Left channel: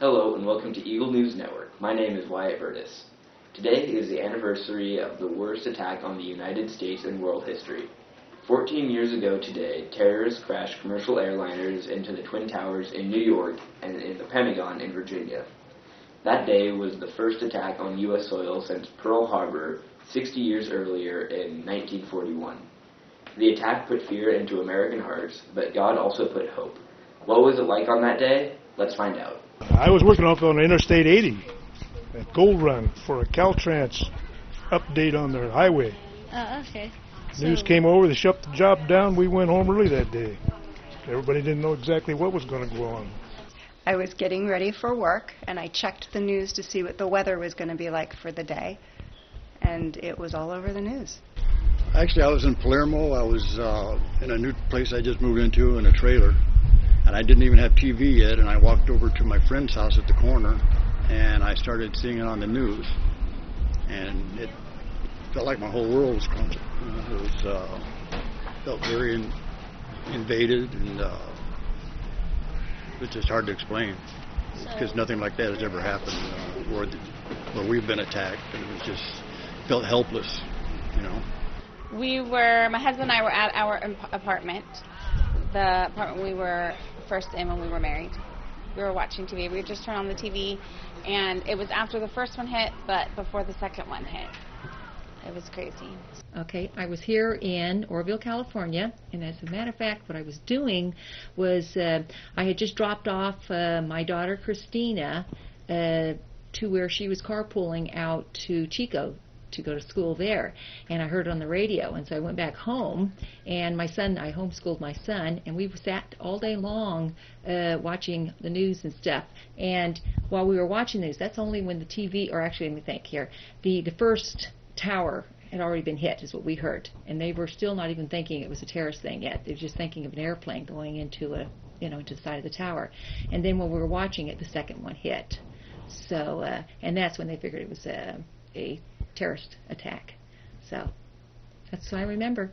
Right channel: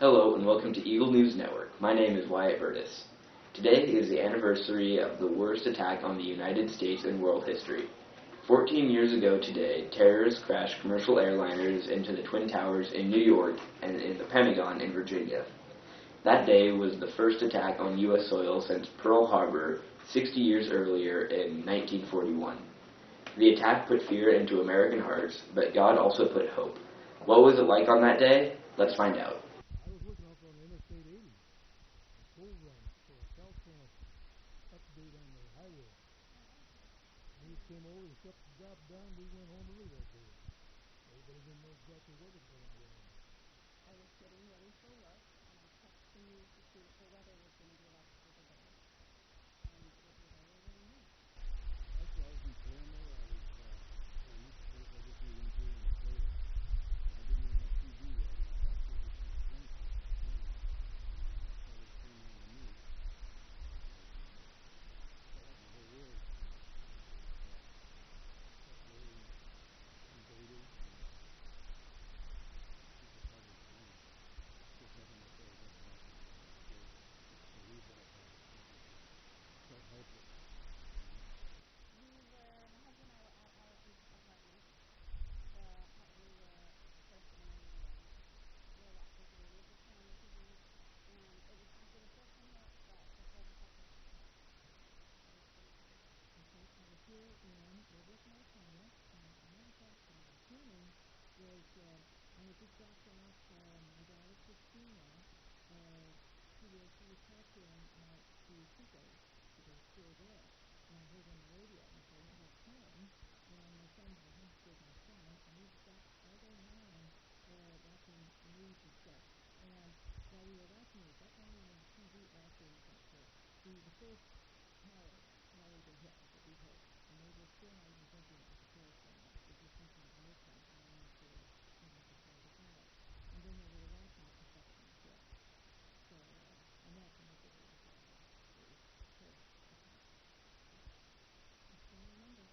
Hello and welcome to Eagle News Network. My name is Wyatt Burtis. Today is the anniversary of the worst attack on the United States in world history. 14 years ago today, terrorists crashed commercial airliners into the Twin Towers in New York and in the Pentagon in Virginia. That day was the first attack on U.S. soil since Pearl Harbor 60 years earlier in 1941. The attack put fear into American hearts, but God also put hope. What was it like on that day? Let's find out. I was working off on Interstate 80 at Gold Run for a Caltrans update on their highway. Oh, okay. News came over, they shut the job down, we went home early that day. Everybody didn't know exactly what was going to go on. I was getting ready for work, and I checked the news to see what the weather was going to be like for the day, and it was all over the news. Actually, I was in Palermo. I was in a new place I just moved into in a trailer, and I didn't even have TV yet, and I walked over to my friend's house at the corner, and I started seeing it on the news, and it felt like my whole world was crumbling. It was felt very invaded, and it was just hard to explain, because nothing like that has ever happened where we've been attacked, and it was just felt helpless, you know. My husband and I were at our apartment, the apartment we were first in when we were married. We were watching TV. We just turned on the TV, and it was after the first one hit, but before the second one hit. It was crazy. Okay, I was here in Oroville, California, and as a matter of fact, what I was doing was I had just dropped off my daughter Christina to where she was carpooling out to Chico to go to school there, and I heard it on the radio, and so I went back home, and I homeschooled my son, and we sat all day long watching the news and stuff. And while we were watching news, that's only when the TV, or actually let me think here, the first tower had already been hit, is what we heard, and they were still not even thinking it was a terrorist thing yet. They were just thinking of an airplane going into into the side of the tower. And then when we were watching it, the second one hit. So, and that's when they figured it was a terrorist attack. So that's what I remember.